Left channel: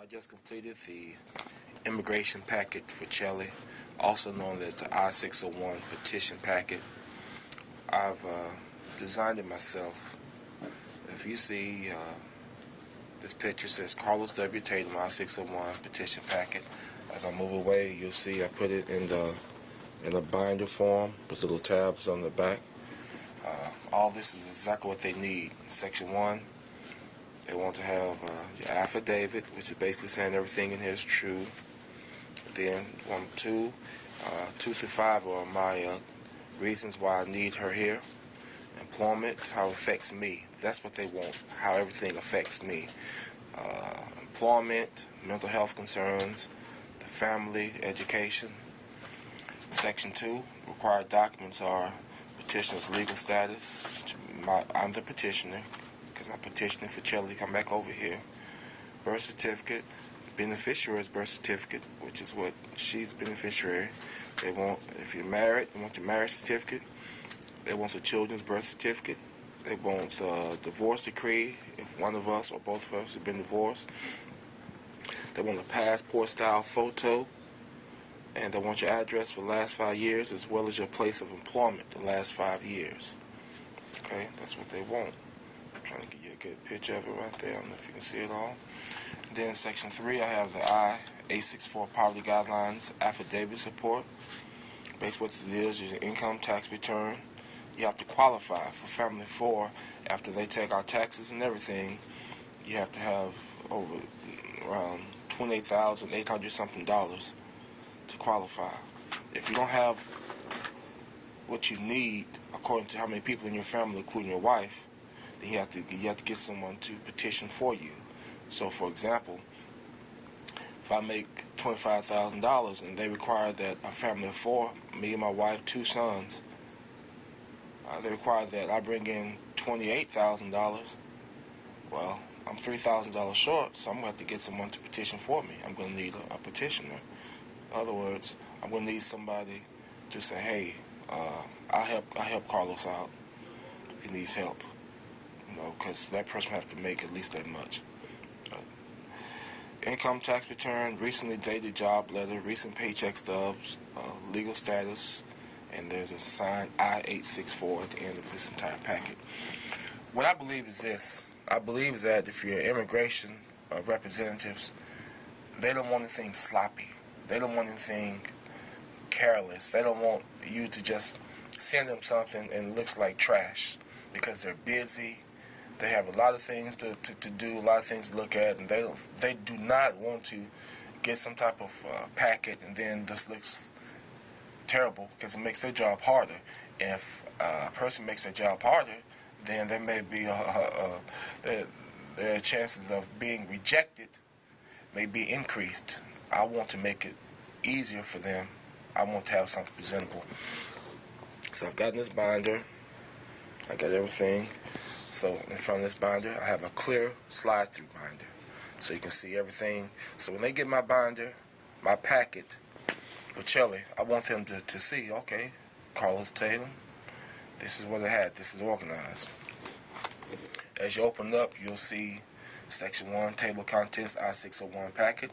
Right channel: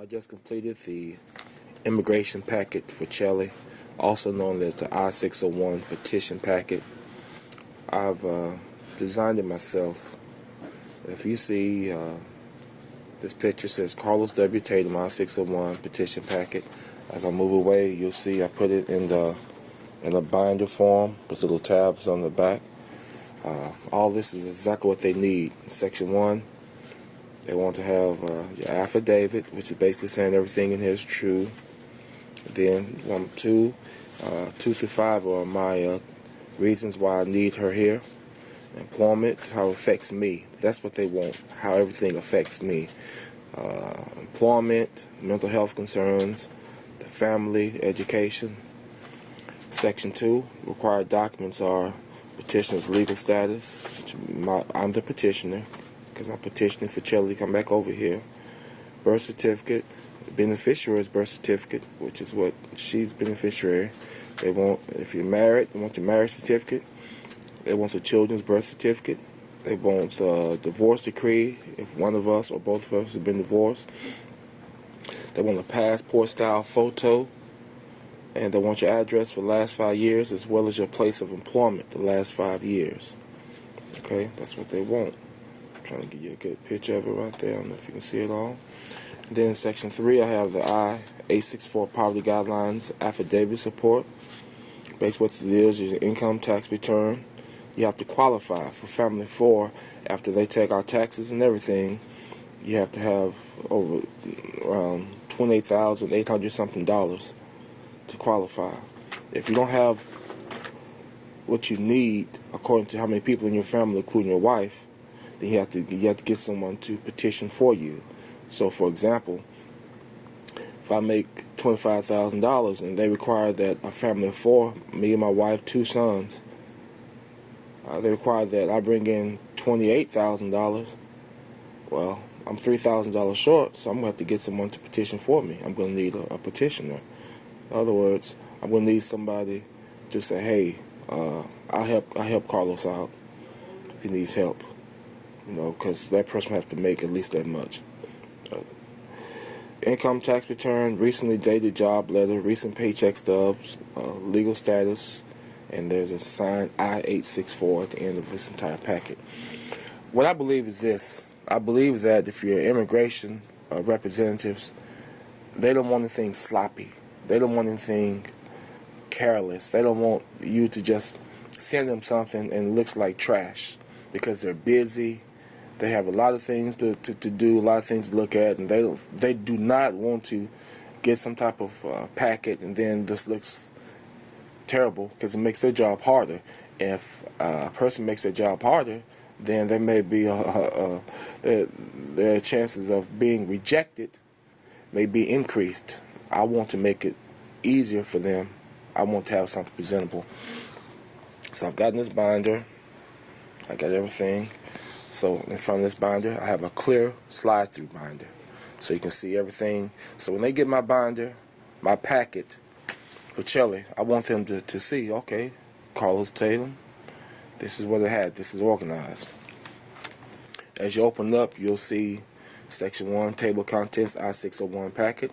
I just completed the immigration packet for Chile, also known as the I-601 petition packet. I've designed it myself. If you see this picture says Carlos W. Tatum I-601 petition packet. As I move away, you'll see I put it in a binder form with little tabs on the back. All this is exactly what they need. In Section 1, they want to have your affidavit, which is basically saying everything in here is true. Then 2 through 5 are my reasons why I need her here. Employment, how it affects me. That's what they want, how everything affects me. Employment, mental health concerns, the family, education. Section 2, required documents are petitioner's legal status. I'm the petitioner because I'm petitioning for Chile to come back over here. Birth certificate, beneficiary's birth certificate, which is what she's beneficiary. They want, if you're married, they want the marriage certificate. They want the children's birth certificate. They want the divorce decree if one of us or both of us have been divorced. They want a passport style photo. And they want your address for the last 5 years as well as your place of employment the last 5 years. Okay, that's what they want. I'm trying to give you a good picture of it right there. I don't know if you can see it all. And then in Section 3, I have the I-864 Poverty Guidelines Affidavit Support. Basically what it is your income tax return. You have to qualify for Family 4 after they take our taxes and everything. You have to have over $28,800 something to qualify. If you don't have what you need according to how many people in your family, including your wife, then you have to get someone to petition for you. So for example, if I make $25,000 and they require that a family of 4, me and my wife, 2 sons, they require that I bring in $28,000. Well, I'm $3,000 short, so I'm going to have to get someone to petition for me. I'm going to need a petitioner. In other words, I'm going to need somebody to say, hey, I'll help Carlos out if he needs help. You know, because that person has to make at least that much. Income tax return, recently dated job letter, recent paycheck stubs, legal status, and there's a signed I-864 at the end of this entire packet. What I believe is this. I believe that if you're immigration representatives, they don't want anything sloppy. They don't want anything careless. They don't want you to just send them something and it looks like trash because they're busy. They have a lot of things to do, a lot of things to look at, and they do not want to get some type of packet and then this looks terrible because it makes their job harder. And if a person makes their job harder, then there may be their chances of being rejected may be increased. I want to make it easier for them. I want to have something presentable. So I've gotten this binder. I got everything. So in front of this binder, I have a clear slide-through binder. So you can see everything. So when they get my binder, my packet for Chile, I want them to see, okay, Carlos Tatum, this is what it had. This is organized. As you open up, you'll see Section 1, Table of Contents, I-601 packet.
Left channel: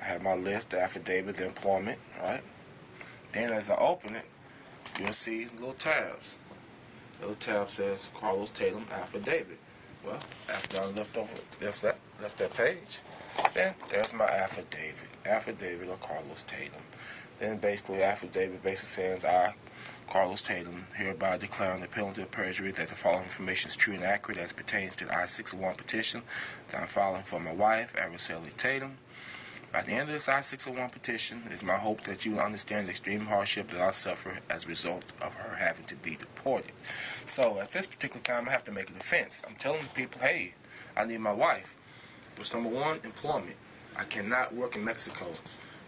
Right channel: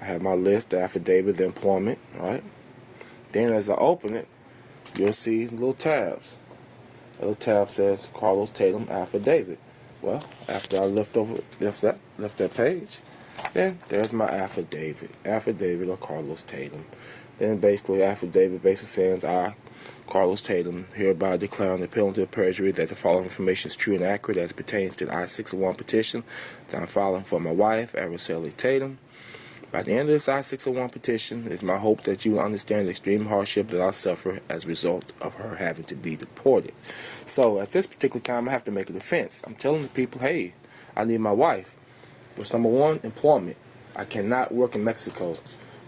I have my list, the affidavit, the employment, right? Then as I open it, you'll see little tabs. The little tab says Carlos Tatum affidavit. Well, after I left that page, then there's my affidavit. Affidavit of Carlos Tatum. Then basically affidavit basically says I, Carlos Tatum, hereby declare on the penalty of perjury that the following information is true and accurate as it pertains to the I-601 petition that I'm filing for my wife, Araceli Tatum. By the end of this I-601 petition, it is my hope that you will understand the extreme hardship that I suffer as a result of her having to be deported. So at this particular time, I have to make a defense. I'm telling the people, hey, I need my wife. What's number 1? Employment. I cannot work in Mexico.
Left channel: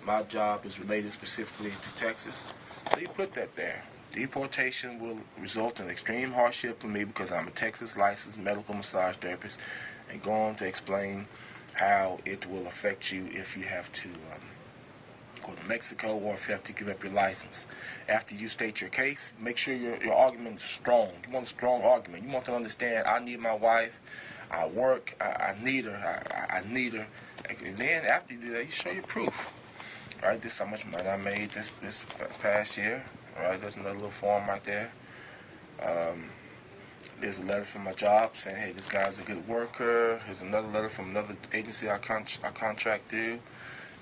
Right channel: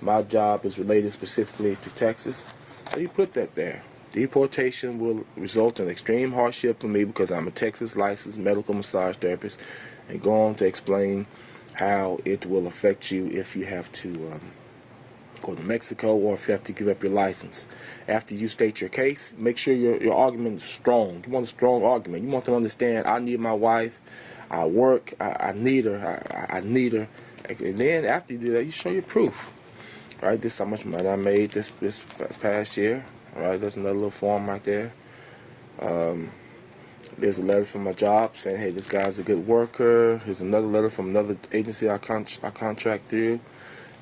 My job is related specifically to Texas. So you put that there. Deportation will result in extreme hardship for me because I'm a Texas licensed medical massage therapist, and go on to explain how it will affect you if you have to go to Mexico or if you have to give up your license. After you state your case, make sure your argument is strong. You want a strong argument. You want to understand, I need my wife. I work. I need her. I need her. And then after you do that, you show your proof. All right, this is how much money I made this past year. All right, there's another little form right there. There's a letter from my job saying, hey, this guy's a good worker. Here's another letter from another agency I contract through.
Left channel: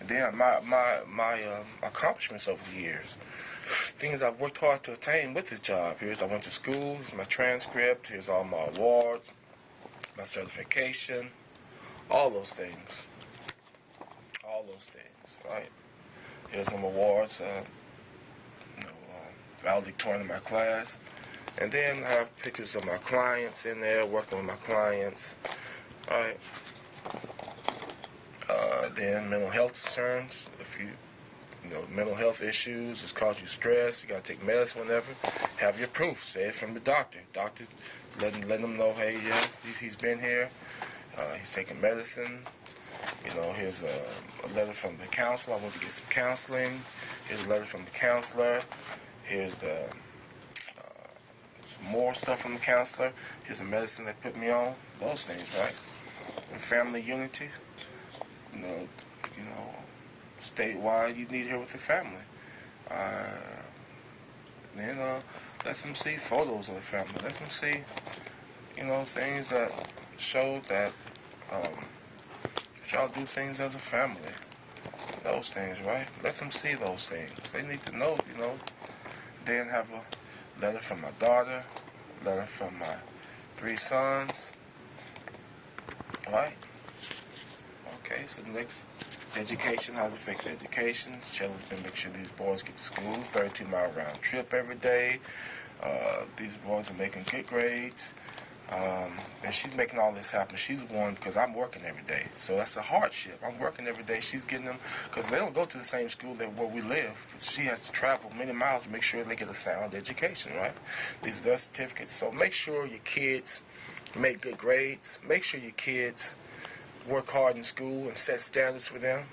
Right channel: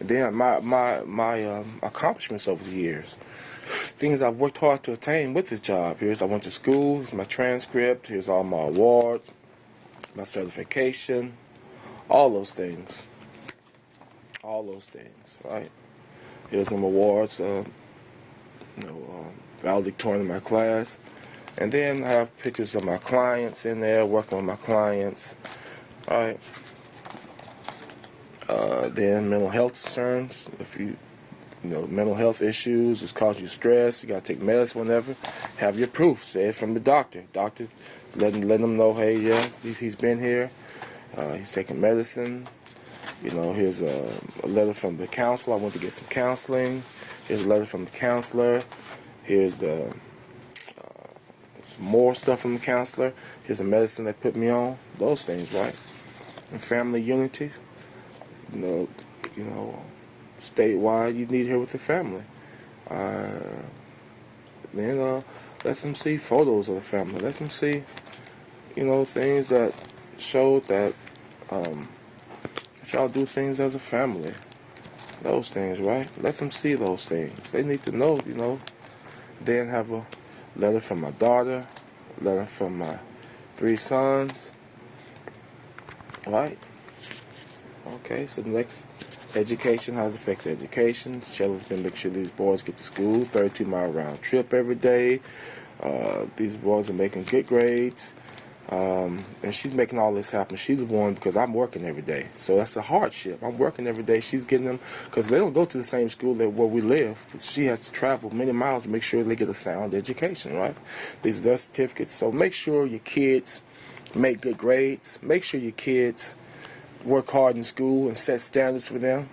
And then my accomplishments over the years. Things I've worked hard to attain with this job. Here's I went to school. Here's my transcript. Here's all my awards, my certification, all those things. All those things, right? Here's some awards, valedictorian in my class. And then I have pictures of my clients in there, working with my clients, all right? Then mental health concerns. If you mental health issues, it's causing you stress, you got to take medicine whenever, have your proof. Say it from the doctor. Doctor, letting them know, hey, yeah, he's been here. He's taking medicine. Here's a letter from the counselor. I went to get some counseling. Here's a letter from the counselor. Here's some more stuff from the counselor. Here's the medicine they put me on. Those things, right? And family unity. Statewide, you need here with the family. Let them see photos of the family. Let them see, things that show that y'all do things as a family. Those things, right? Let them see those things. They need to know, Then have a letter from my daughter, letter from my 3 sons, right? Okay, so the next, education, how's it affect education? Shelley's been making sure these boys get to school, 32-mile round trip every day. These boys are making good grades. And she's making all this happen. She's the one because I'm working every day. So that's a hardship. I'm working every day. She's getting them because they don't go to the same school where we live. She has to travel many miles to make sure they get a sound education, right? These are their certificates. So make sure your kids make good grades. Make sure your kids work hard in school and set standards for them.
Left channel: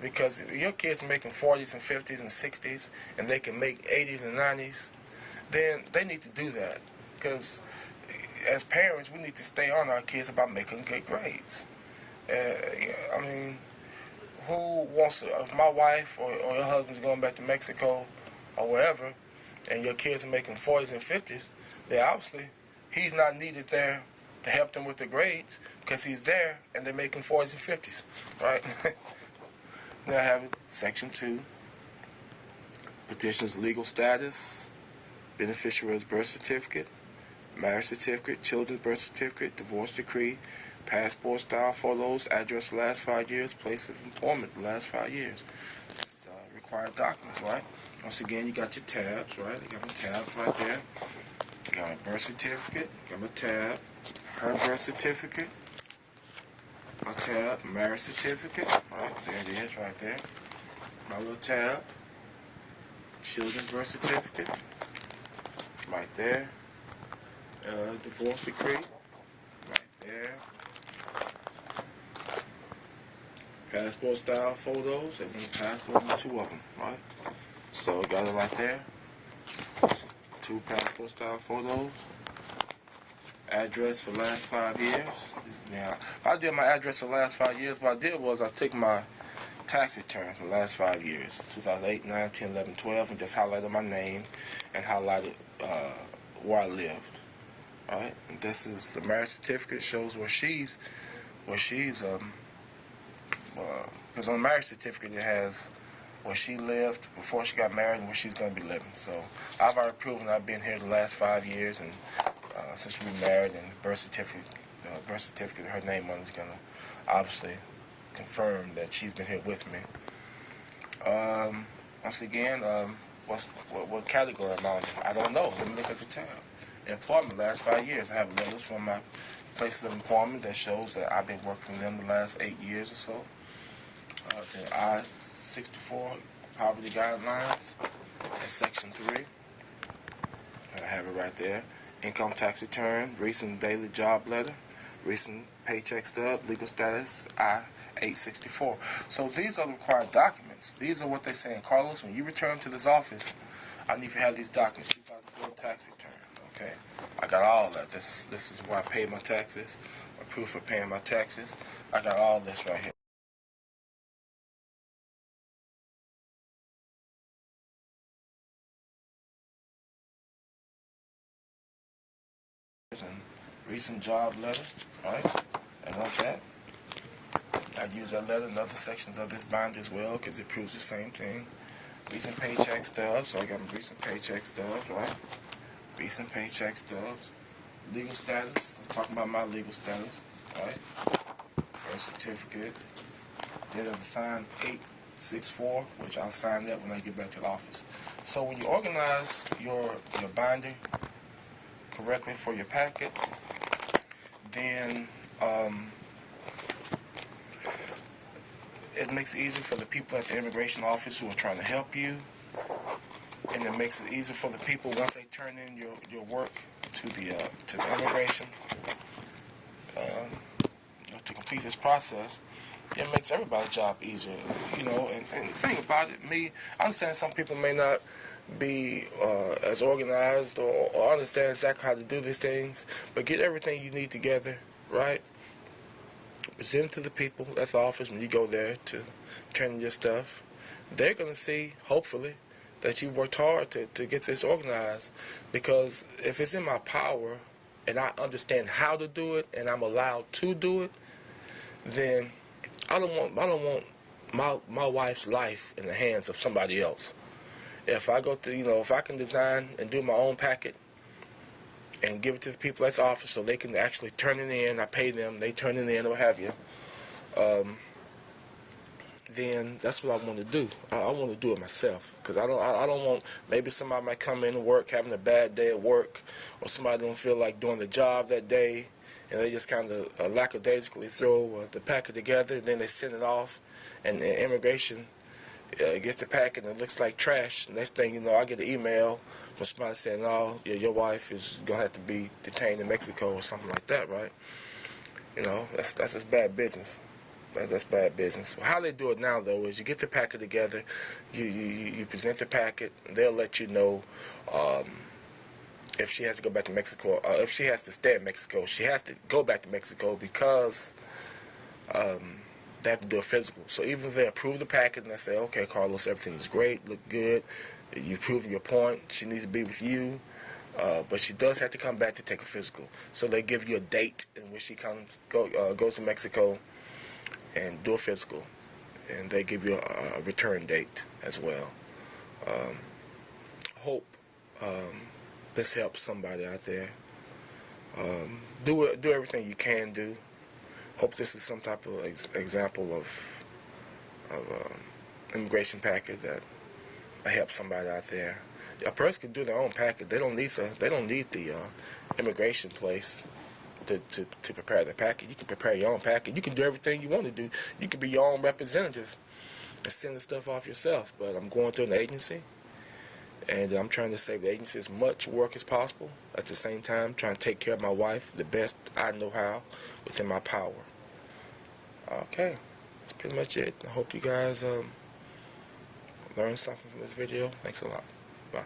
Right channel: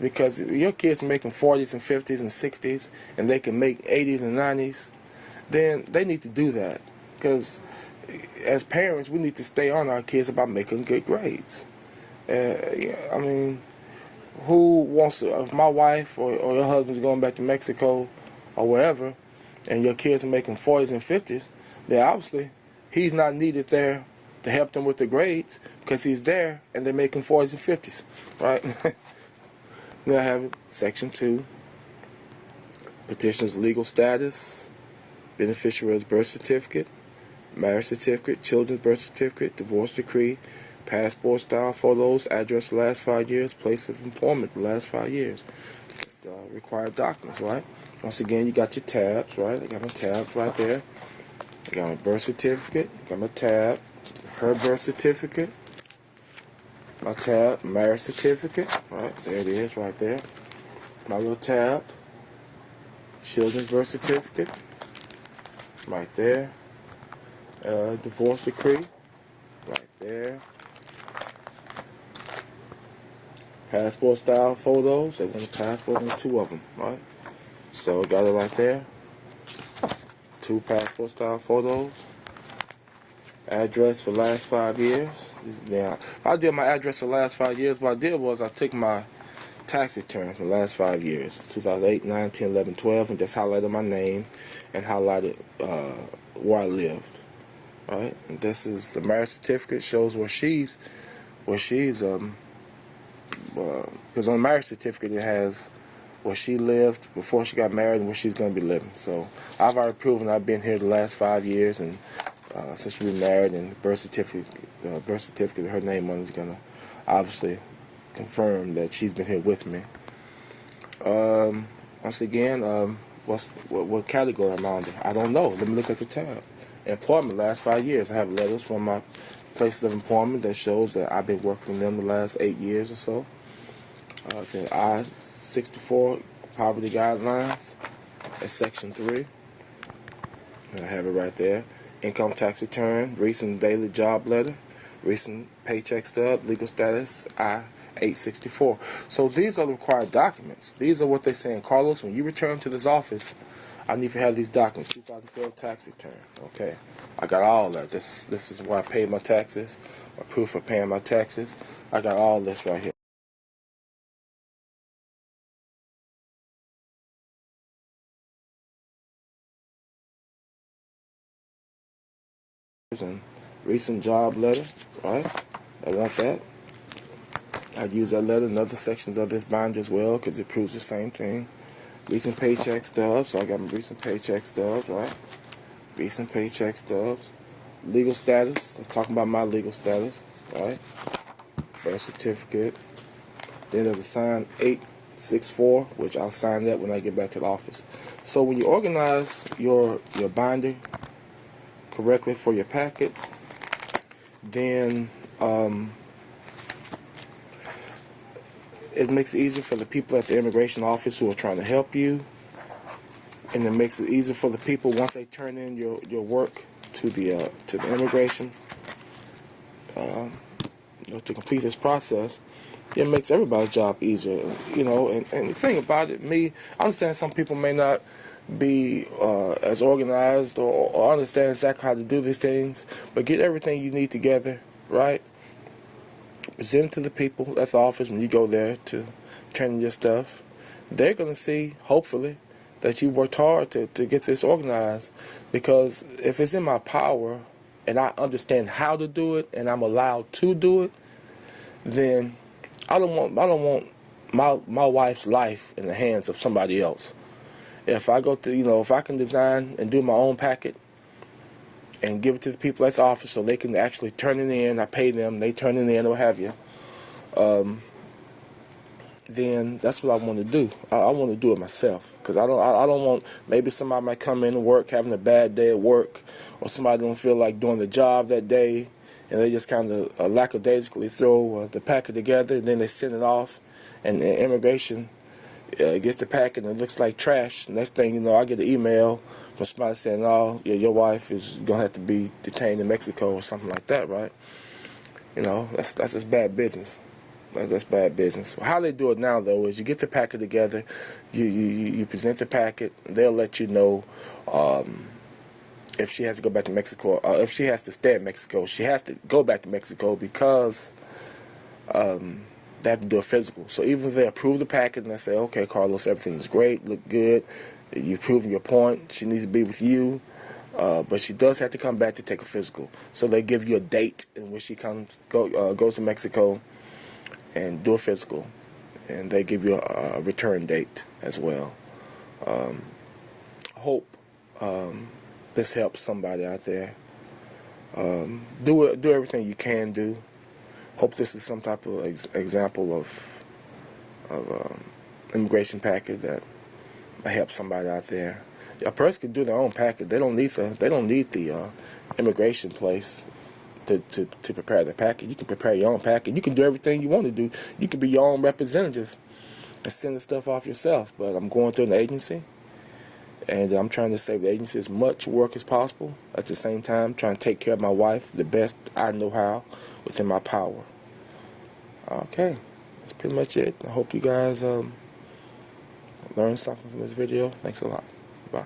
Because your kids are making 40s and 50s and 60s and they can make 80s and 90s, then they need to do that. Because as parents, we need to stay on our kids about making good grades. Who wants to, if my wife or your husband's going back to Mexico or wherever, and your kids are making 40s and 50s, then obviously he's not needed there to help them with the grades because he's there and they're making 40s and 50s, right? Then I have Section 2, petitioner's legal status, beneficiary's birth certificate, marriage certificate, children's birth certificate, divorce decree, passport style photos, address the last 5 years, place of employment the last 5 years. Just required documents, right? Once again, you got your tabs, right? I got my tabs right there. I got my birth certificate, got my tab, her birth certificate, my tab, marriage certificate, right? There it is, right there. My little tab, children's birth certificate, right there. Divorce decree, right there. Passport style photos, they want a passport and 2 of them, right? So got it right there. 2 passport style photos. Address for last 5 years. Now, I did my address for the last 5 years. What I did was I took my tax return for the last 5 years, 2008, 9, 10, 11, 12, and just highlighted my name and highlighted where I lived. All right, and this is the marriage certificate. Shows where she's because on the marriage certificate it has where she lived before she got married and where she's going to be living. So I've already proven I've been here the last 5 years, and since we married, and the birth certificate, her name on is going to obviously confirm that she's been here with me. Once again, what category am I under? I don't know. Let me look at the tab. Employment, last 5 years. I have letters from my places of employment that shows that I've been working for them the last 8 years or so. Okay, I-601 poverty guidelines. That's Section 3. And I have it right there. Income tax return, recent daily job letter, recent paycheck stub, legal status, I-864. So these are the required documents. These are what they're saying. Carlos, when you return to this office, I need to have these documents. 2012 tax return. Okay, I got all that. This is where I paid my taxes. My proof of paying my taxes. I got all this right here. And recent job letter, right? I want that. I'd use that letter in other sections of this bond as well because it proves the same thing. Recent paycheck stubs, so I got my recent paycheck stubs, right? Recent paycheck stubs. Legal status, let's talk about my legal status, right? Birth certificate. Then there's a signed 864, which I'll sign that when I get back to the office. So when you organize your binding correctly for your packet, then it makes it easier for the people at the immigration office who are trying to help you, and it makes it easier for the people once they turn in your work to the immigration to complete this process. It makes everybody's job easier, you know. And the thing about it, I understand some people may not be as organized or understand exactly how to do these things, but get everything you need together, right? Present it to the people at the office when you go there to turn in your stuff. They're going to see, hopefully, that you worked hard to get this organized, because if it's in my power and I understand how to do it and I'm allowed to do it, then I don't want my wife's life in the hands of somebody else. If I go to, if I can design and do my own packet and give it to the people at the office so they can actually turn it in, I pay them, they turn it in, or what have you, then that's what I want to do. I want to do it myself, because I don't want, maybe somebody might come in and work having a bad day at work, or somebody don't feel like doing the job that day, and they just kind of lackadaisically throw the packet together, and then they send it off, and immigration gets the packet and it looks like trash. Next thing you know, I get an email from somebody saying, "Oh, your wife is gonna have to be detained in Mexico," or something like that, right? That's just bad business. That's bad business. How they do it now, though, is you get the packet together, you present the packet, they'll let you know if she has to go back to Mexico, or if she has to stay in Mexico. She has to go back to Mexico because they have to do a physical. So even if they approve the packet and they say, "Okay, Carlos, everything is great, look good, you've proven your point, she needs to be with you," but she does have to come back to take a physical. So they give you a date in which she goes to Mexico and do a physical, and they give you a return date as well. I hope this helps somebody out there. Do everything you can do. Hope this is some type of example of immigration packet that might help somebody out there. A person can do their own packet. They don't need the immigration place to prepare the packet. You can prepare your own packet. You can do everything you want to do. You can be your own representative and send the stuff off yourself. But I'm going through an agency, and I'm trying to save the agency as much work as possible. At the same time, trying to take care of my wife the best I know how within my power. Okay, that's pretty much it. I hope you guys learned something from this video. Thanks a lot. Bye.